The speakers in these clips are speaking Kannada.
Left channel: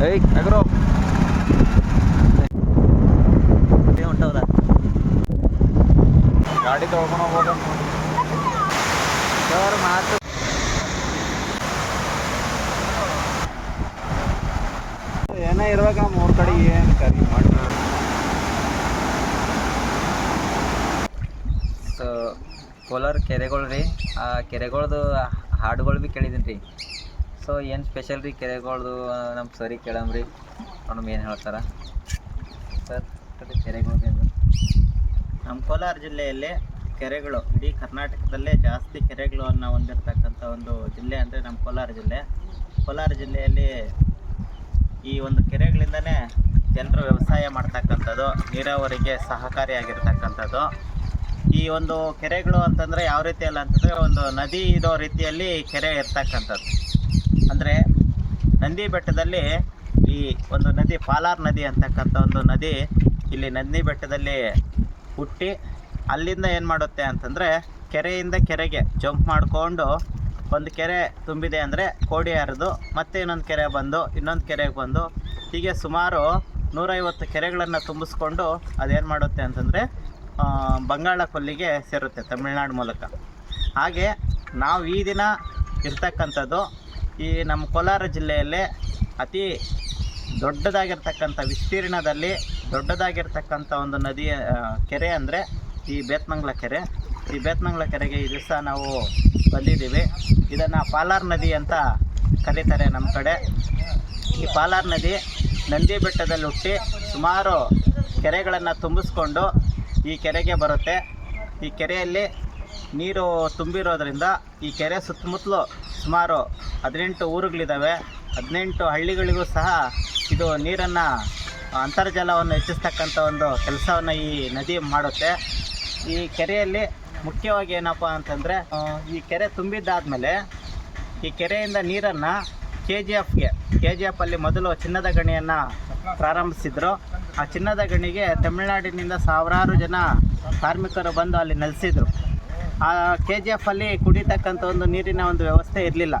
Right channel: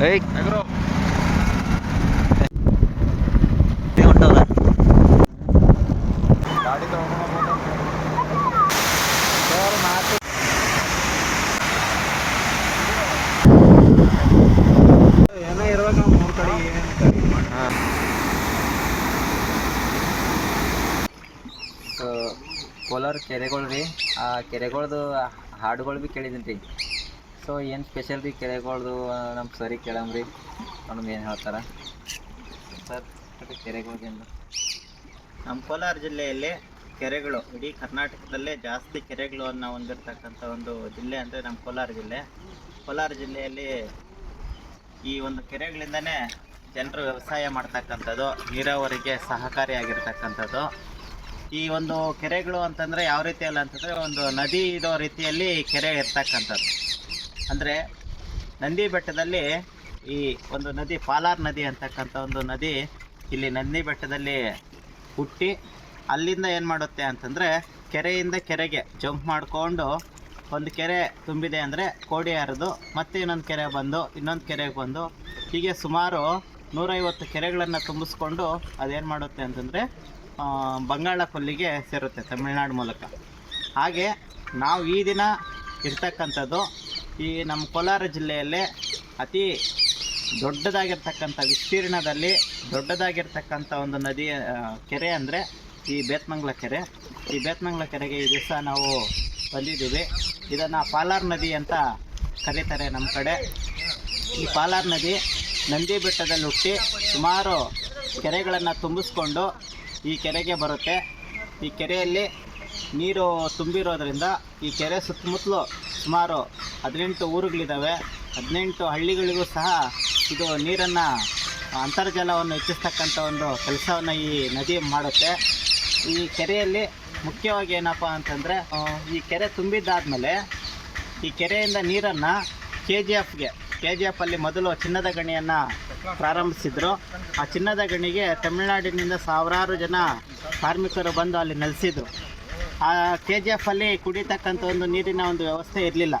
ಏಯ್. ಹೊಂಟದ? ಗಾಡಿ ತಗೊಂಡು ಹೋಗೋದು ಸರ್ ಮಾತು ಏನೋ ಇರುವಾಗ ಮೂರು ಕಡೆಗೆ ಕೋಲಾರ ಕೆರೆಗಳು ರೀ. ಆ ಕೆರೆಗಳ್ದು ಹಾಡುಗಳು ಭೀ ಕೇಳಿದ್ದೀನಿ ರೀ. ಸೊ ಏನು ಸ್ಪೆಷಲ್ ರೀ ಕೆರೆಗಳ್ದು? ನಮ್ಮ ಸರಿ ಕೇಳಮ್ರಿ ನೋಡಮ್ ಏನು ಹೇಳ್ತಾರ? ಸರ್ ಕೆರೆಗಳ್ದು ಏನು ನಮ್ಮ ಕೋಲಾರ ಜಿಲ್ಲೆಯಲ್ಲಿ ಕೆರೆಗಳು, ಇಡೀ ಕರ್ನಾಟಕದಲ್ಲೇ ಜಾಸ್ತಿ ಕೆರೆಗಳನ್ನು ಹೊಂದಿರತಕ್ಕಂಥ ಒಂದು ಜಿಲ್ಲೆ ಅಂದರೆ ನಮ್ಮ ಕೋಲಾರ ಜಿಲ್ಲೆ. ಕೋಲಾರ ಜಿಲ್ಲೆಯಲ್ಲಿ ಈ ಒಂದು ಕೆರೆಗಳಿಂದನೇ ಜನರು ವ್ಯವಸಾಯ ಮಾಡ್ತಕ್ಕಂಥದ್ದು, ನೀರಾವರಿಗೆ ಸಹಕಾರಿಯಾಗಿರ್ತಕ್ಕಂಥದ್ದು. ಈ ಒಂದು ಕೆರೆಗಳು ಅಂತಂದರೆ ಯಾವ ರೀತಿಯಲ್ಲ ಅಂತಂದರೆ ಒಂದು ನದಿ ಇರೋ ರೀತಿಯಲ್ಲಿ ಕೆರೆ ಇರ್ತಕ್ಕಂಥದ್ದು. ಅಂದರೆ ನಂದಿ ಬೆಟ್ಟದಲ್ಲಿ ಈ ಒಂದು ನದಿ, ಪಾಲಾರ್ ನದಿ ಅಂತಕ್ಕಂಥ ಒಂದು ನದಿ ಇಲ್ಲಿ ನಂದಿ ಬೆಟ್ಟದಲ್ಲಿ ಹುಟ್ಟಿ ಅಲ್ಲಿಂದ ಏನು ಮಾಡುತ್ತೆ ಅಂತಂದರೆ ಕೆರೆಯಿಂದ ಕೆರೆಗೆ ಜಂಪ್ ಮಾಡಿಕೊಂಡು ಒಂದು ಕೆರೆ ತುಂಬಿದೆ ಅಂದರೆ ಕೋಡಿ ಹರಿದು ಮತ್ತೆ ಇನ್ನೊಂದು ಕೆರೆ ಬಂದು, ಇನ್ನೊಂದು ಕೆರೆಗೆ ಬಂದು ಹೀಗೆ ಸುಮಾರು ನೂರೈವತ್ತು ಕೆರೆಗಳನ್ನು ತುಂಬಿಸ್ಕೊಂಡು ಅದೇನು ಮಾಡುತ್ತೆ ಅಂತಂದರೆ ಬಂಗಾಳ ಕೊಲ್ಲಿಗೆ ಸೇರುತ್ತೆ ತಮಿಳ್ನಾಡು ಮೂಲಕ. ಹಾಗೆ ನಾವು ಈ ದಿನ ಇರ್ತಕ್ಕಂಥದ್ದು ಈ ನಮ್ಮ ಕೋಲಾರ ಜಿಲ್ಲೆಯಲ್ಲೇ ಅತಿ ದೊಡ್ಡದಾಗಿರ್ತಕ್ಕಂಥ ವಿಸ್ತೀರ್ಣದಲ್ಲಿ ದೊಡ್ಡದಾಗಿರ್ತಕ್ಕಂಥ ಒಂದು ನದಿ ಕೆರೆ ಅಂದರೆ ಈ ಬೇತ್ಮಂಗ್ಲ ಕೆರೆ. ಈ ಬೇತ್ಮಂಗ್ಲ ಕೆರೆಗೆ ಈ ದಿವಸ ನಾವು ಬಂದಿದ್ದೀವಿ. ಇದನ್ನು ಪಾಲಾರ್ ನದಿ ಅಂತ ಕರೀತಾರೆ ನಮ್ಮ ಕಡೆ. ಈ ಪಾಲಾರ್ ನದಿ ನಂದಿ ಬೆಟ್ಟದಲ್ಲಿ ಹುಟ್ಟಿ ಸುಮಾರು ಕೆರೆಗಳನ್ನು ತುಂಬಿಸ್ಕೊಂಡು ಈ ಕೆರೆಗೆ ಬರುತ್ತೆ. ಈ ಕೆರೆಯಲ್ಲಿ ನೀರು ತುಂಬಿರೋದ್ರಿಂದ ಈ ಕೆರೆ ಸುತ್ತಮುತ್ತಲು ಸುಮಾರು ಹದಿನೆಂಟು ಊರುಗಳಿದ್ದಾವೆ. ಹದಿನೆಂಟು ಹಳ್ಳಿಗಳಿಗೂ ಸಹ ಇದು ನೀರನ್ನು ಅಂತರ್ಜಲವನ್ನು ಹೆಚ್ಚಿಸ್ತಕ್ಕಂಥ ಒಂದು ಕೆಲಸವನ್ನು ಈ ನದಿ ಮಾಡುತ್ತೆ. ಈ ಕೆರೆಯಲ್ಲಿ ಮುಖ್ಯವಾಗಿ ಏನಪ್ಪ ಅಂತಂದರೆ ಈ ಕೆರೆ ತುಂಬಿದ್ದಾದಮೇಲೆ ಈ ಕೆರೆಯಿಂದ ನೀರನ್ನು ಕೆ ಜಿ ಎಫ್ಗೆ ಕೆ ಜಿ ಎಫಲ್ಲಿ ಮೊದಲು ಚಿನ್ನದ ಗಣಿಯನ್ನು ಪ್ರಾರಂಭಿಸಿದ್ರು. ಆ ಚಿನ್ನದ ಗಣಿಗೆ ತಮಿಳುನಾಡಿನಿಂದ ಸಾವಿರಾರು ಜನ ಕಾರ್ಮಿಕರು ಬಂದು ಅಲ್ಲಿ ನೆಲೆಸಿದ್ರು. ಆ ಕೆ ಜಿ ಎಫಲ್ಲಿ ಕುಡಿತಕ್ಕಂಥ ಒಂದು ನೀರಿನ ಒಂದು ವ್ಯವಸ್ಥೆ ಇರಲಿಲ್ಲ.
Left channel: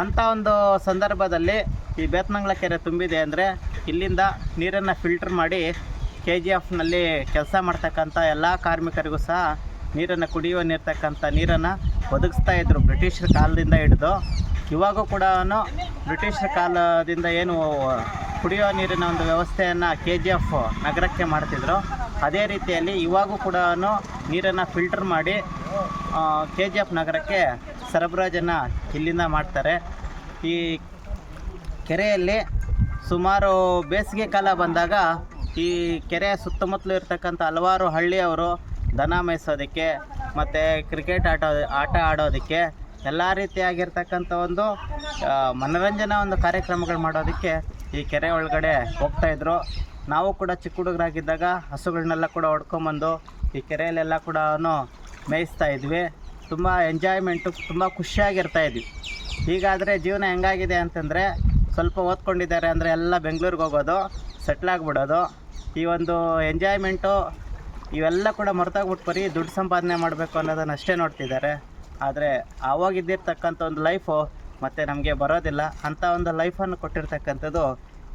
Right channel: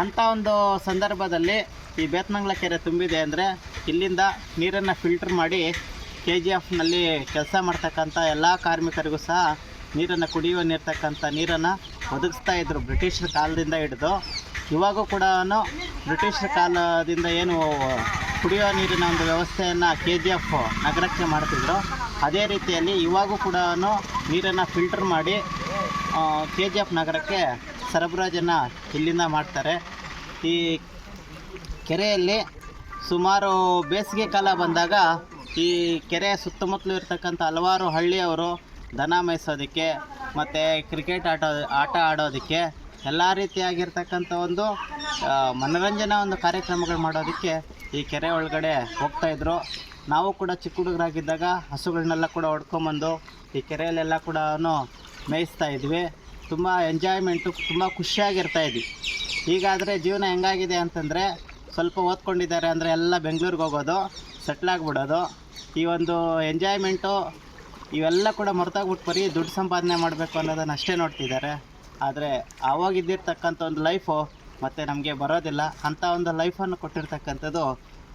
ಅಂಥ ಒಂದು ಸಂದರ್ಭದಲ್ಲಿ ಈ ಬೇತ್ಮಂಗ್ಲ ಕೆರೆ ತುಂಬಿದೆ ಅಂದರೆ ಇಲ್ಲಿಂದ ನೀರನ್ನು ಫಿಲ್ಟರ್ ಮಾಡಿ ಕೆ ಜಿ ಎಫ್ನಲ್ಲಿ ಕೆಲಸ ಮಾಡ್ತಕ್ಕಂಥ ಎಲ್ಲ ಕಾರ್ಮಿಕರಿಗೂ ಸಹ ನೀರನ್ನು ಕುಡಿಯುವ ನೀರ್ತಕ್ಕಂಥ ನೀರನ್ನು ಒದಗಿಸ್ತಾ ಇದ್ದರು ಬ್ರಿಟಿಷರ ಕಾಲದಿಂದ ಹಿಡಿದು. ಇವಾಗೂ ಕೂಡ ಬ್ರಿಟಿಷರ ಕಾಲದಿಂದ ಏನು ಕುಡಿಯುವ ನೀರಿನ ಒಂದು ವ್ಯವಸ್ಥೆಯನ್ನು ಕೆ ಜಿ ಎಫ್ ನಗರಕ್ಕೆ ಮಾಡ್ತಿದ್ರು. ಅದೇ ರೀತಿಯಲ್ಲಿ ಇವಾಗೂ ಕೂಡ ನೀರನ್ನು ಫಿಲ್ಟರ್ ಮಾಡಿ ಕೆ ಜಿ ಎಫ್ ನಗರಕ್ಕೆ ಸರಬರಾಜನ್ನು ಇಲ್ಲಿಂದ ಮಾಡ್ತಾರೆ. ಈ ಕೆರೆಯಲ್ಲಿ ಸುಮಾರು ಬೇಸಿಗೆ ಕಾಲ ಬಂದಾಗ ಈ ಕೆರೆ ಸುತ್ತಮುತ್ತಲು ಇರ್ತಕ್ಕಂಥ ಹಲವಾರು ಹಳ್ಳಿಯವರು ದನ ಮೇಯಿಸೋದಕ್ಕೆ ಮತ್ತು ಕ್ರಿಕೆಟ್ ಆಟ ಆಟ ಆಡೋದಕ್ಕೆ ಎಲ್ಲ ರೀತಿಯಾಗಿರ್ತಕ್ಕಂಥ ಒಂದು ಮನೋರಂಜನಾ ಒಂದು ಕಾರ್ಯಕ್ರಮಗಳು ಮಾಡೋದಕ್ಕೆ ಈ ಕೆರೆ ಒಳಗಡೆ ಹೋಗ್ತಾಯಿದ್ರು ನಾವು ಕೂಡ ಚಿಕ್ಕ ಹುಡುಗರಾಗಿದ್ದಾಗ ಹಸುಗಳನ್ನೆಲ್ಲ ಕೂಡ ಹೊಡ್ಕೊಂಬಂದು ಈ ಕೆರೆಯಲ್ಲೆಲ್ಲ ಕೂಡ ಮೇಯಿಸ್ತಾ ಇದ್ವಿ. ತುಂಬ ಎಂಜಾಯ್ಮೆಂಟು ತುಂಬ ಖುಷಿಯಾಗಿರ್ತಾ ಇದ್ವಿ. ಈಗಾದರೆ ಜೀವನ ಹೆಂಗಾಗಿದೆ ಅಂತಂದರೆ ಸ್ವಲ್ಪ ಓದ್ಕೊಂಡಿದ್ದಾರೆ ಅಂದರೆ ಎಲ್ಲ ಬೆಂಗಳೂರಿಗೆ ಹೋಗೋದು ಸೆಟ್ಲಾಗ್ಬಿಡೋದು ಈ ಒಂದು ಎಂಜಾಯ್ಮೆಂಟು ಇವೆಲ್ಲ ಕೂಡ ಮರೆತಾಗ್ಬಿಟ್ಟು ಬರೀ ದುಡ್ಡು ಸಂಪಾದನೆ ಮಾಡಬೇಕು ಅನ್ನೋದನ್ನು ಅಷ್ಟೇ ನೋಡ್ತಿದ್ದಾರೆ. ಆದರೆ ಆವಾಗಿದ್ದಿರ್ತಕ್ಕಂಥ ಒಂದು ಲೈಫು ಮತ್ತು ನಮಗೆ ಬರೋದಿಲ್ಲ. ಅಂಥ ಒಂದು ಲೈಫನ್ನು ಕೊಟ್ಟಿರ್ತಕ್ಕಂಥದ್ದು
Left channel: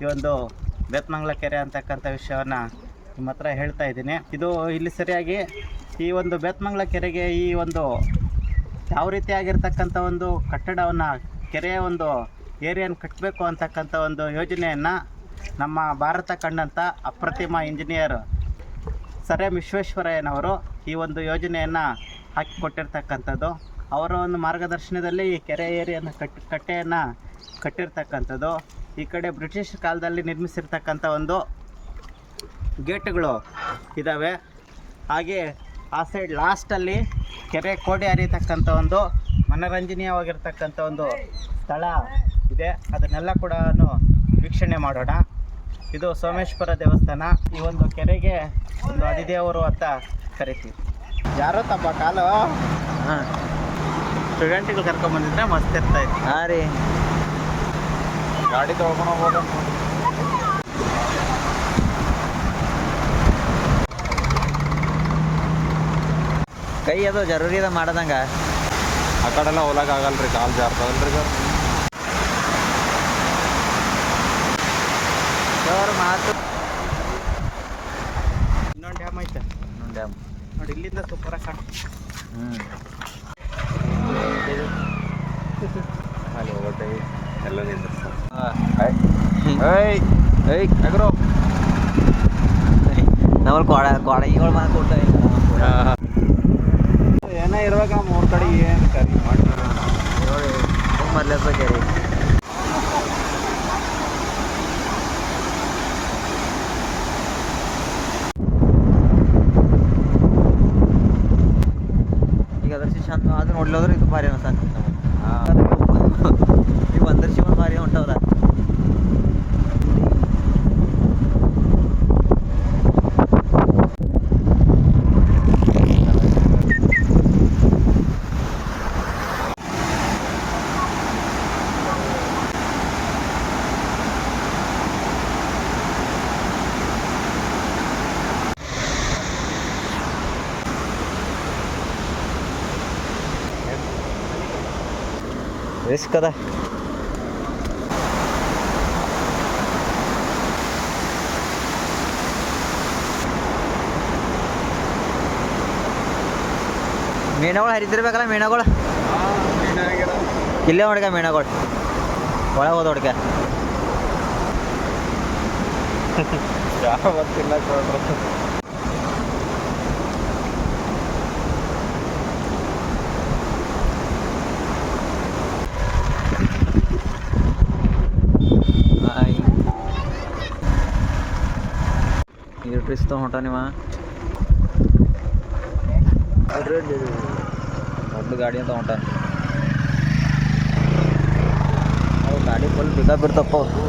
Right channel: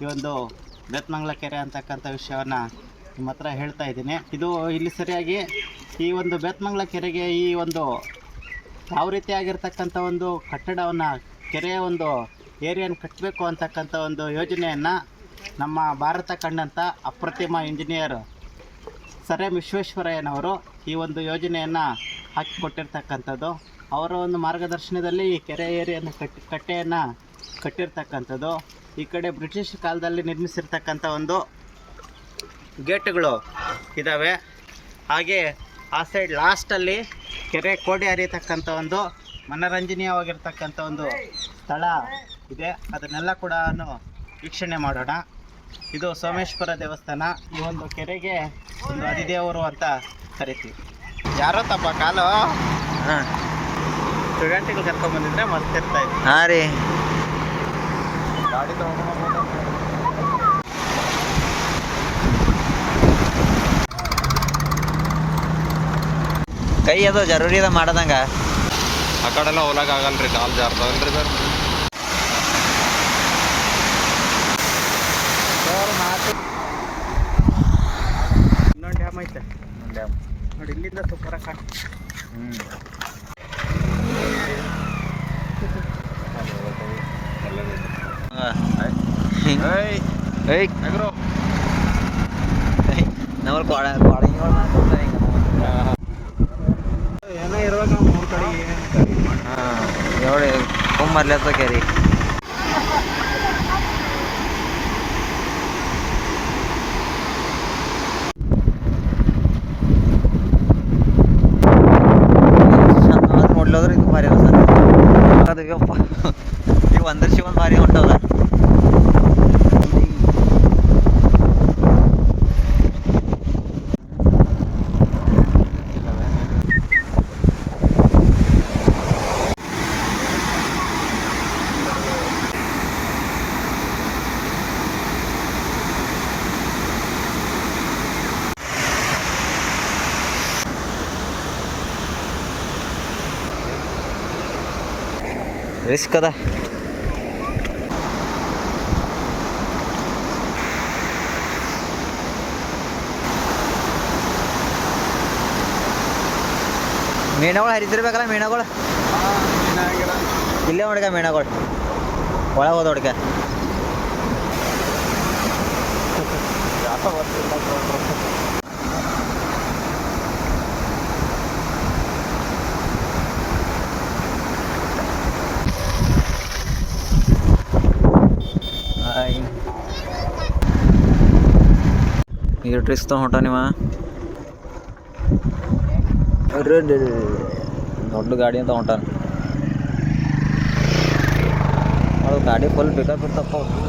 ಈ ಒಂದು ಬೇತ್ಮಂಗ್ಲ ಕೆರೆ ಅಂತಕ್ಕಂಥ ವಿಷಯವನ್ನು ನಿಮ್ಮ ಹತ್ರ ಹೇಳ್ತಾ ಇದ್ದೀನಿ. ಇದು ಇಲ್ಲಿ ಸರಿಯಾಗಿ ಈ ಒಂದು ಬೇತ್ಮಂಗ್ಲ ಕೆರೆಗೆ ಈ ಒಂದು ಯಾವ ರೀತಿಯಾಗಿರ್ತಕ್ಕಂಥ ಒಂದು ಕಟ್ಟಡವನ್ನು ಕೆರೆಯ ಒಂದು ಏರಿಯನ್ನು ಕಟ್ಟಬೇಕು ಅಂತಕ್ಕಂಥ ಒಂದು ಯೋಜನೆಯನ್ನು ನಮ್ಮ ಭಾರತ ಕಂಡಂಥ ಅಪ್ರತಿಮ ಇಂಜಿನಿಯರ್ ಸರ್ ಎಂ ವಿಶ್ವೇಶ್ವರಯ್ಯನವರು ಈ ಒಂದು ಯೋಜನೆಯನ್ನು ಹಾಕಿಕೊಟ್ಟಿರ್ತಕ್ಕಂಥದ್ದು. ಅವರ ಒಂದು ಮಾರ್ಗದರ್ಶನದಲ್ಲಿ ಈ ಕೆರೆ ಏರಿಯನ್ನು ಕಟ್ ಕಟ್ಟೆಯನ್ನು ಕಟ್ಟಿರ್ತಕ್ಕಂಥದ್ದು. ಈ ಕಡೆ ಬ್ರಿಟಿಷ್ ಕಾಲದಲ್ಲಿ ನಿರ್ಮಿಸಿರ್ತಕ್ಕಂಥ ಒಂದು ಗೇಟ್ಗಳು ಇದ್ದಾವೆ ಹಾಗೆ ಆ ಸೈಡ್ ಲಾಸ್ಟಲ್ಲಿ ಕೆರೆ ಕೋಡಿ ಹರಿಯತಕ್ಕಂಥ ಒಂದು ಮನರಂಜನೀಯವಾಗಿರ್ತಕ್ಕಂಥ ಒಂದು ಸ್ಥಳ ಇದೆ. ಅದನ್ನೆಲ್ಲ ಕೂಡ ವೀಕ್ಷಣೆ ಮಾಡೋಣ. ಇದು ಸೋಮೇಶ್ವರ ದೇವಸ್ಥಾನ. ಈ ಒಂದು ಕೆರೆಗೆ ಒಂದು ಅದಿದೇವರು ಅಂತ ಕರಿತೀವಿ. ಯಾರೋ ತಪ್ಪ ಕಾಲು? ಹಾಂ. ಸ್ಟೂಡೆಂಟ್ಗಳು ಕರ್ಕೊಂಡ್ಬಂದಿದ್ರೆ ಮಸ್ತ್ ಇರ್ತಾ ಇತ್ತು ಹಾಂ ರೀ. ಗಾಡಿ ತಗೊಂಡು ಹೋಗೋದು ಕೈ ಅದು ಜರೂರಿ ಅದ ಮಾಡದಂಗ. ಆ ಕಡೆಲ್ಲ ಹೋಗಕ್ ಆಗಲ್ರಿ ಕಾಲು ಜಾರ್ತಾವಲ್ರಿ ಸರ್. ಸರ್ ಮಾತು. ಇನ್ನೊಂದು ಡ್ಯಾಮ್ ಐತೆ. ಇನ್ನೊಂದು ಡ್ಯಾಮ್. ನೋಡಿ ಇಲ್ಲಿಂದ ಸೂಪರ್ ಕಾಣ ಹ್ಞೂ ಅಲ್ಲಿ ಹೋಗ್ತೇವೆ ಎಲ್ಲ ಏಯ್ ನಾವು ಕೊಡ ಕೊಡಗಳು ಮಾತಾಡ್ತಾರೆ ಏನೋ ಇರುವಾಗ ಮೂರು ಕಡೆಗೆ ಹಾಂ ನೋಡಿ ಕುಮ್ಮರ್ಲೆಸ ಕೆರಿ ಅದು ನೋಡ್ಲೋದ್ರೆ ಇದು ಭಾರಿ ಅನ್ಸತ್ತೆ ಅದು ಯಪ್ಪ ಈ ಒಂದರ ಶಿವನ್ ಭಾರಿ ಹೊಂಟದ ರಿಸ್ಕ್ ಅದ ಮೀನಗಳು ಹರಿತಿರ್ಬೇಕಲ್ಲ ಮೀನಗಳು ಇಲ್ಲೇ ಹೊಡ್ಕ ಮೀನಗಳು ಒಳಗೆ ಹೋದ ಹೊಡ್ಕ ಯಾವ ಗೊತ್ತಿಲ್ಲ ಈಗ ಟ್ರಿಸ್ ತಗೊಂಡ ಹೊಂಟ ನೀವ ದೊಡ್ಡ ಗಾಡಿ ಅಂತ ಹೊಂಟಾನ ಅವ್ ಗಾಡಿ ಫುಲ್ ಪಿಕಪ್ ಇರ್ತಪ್ಪ ಅವು.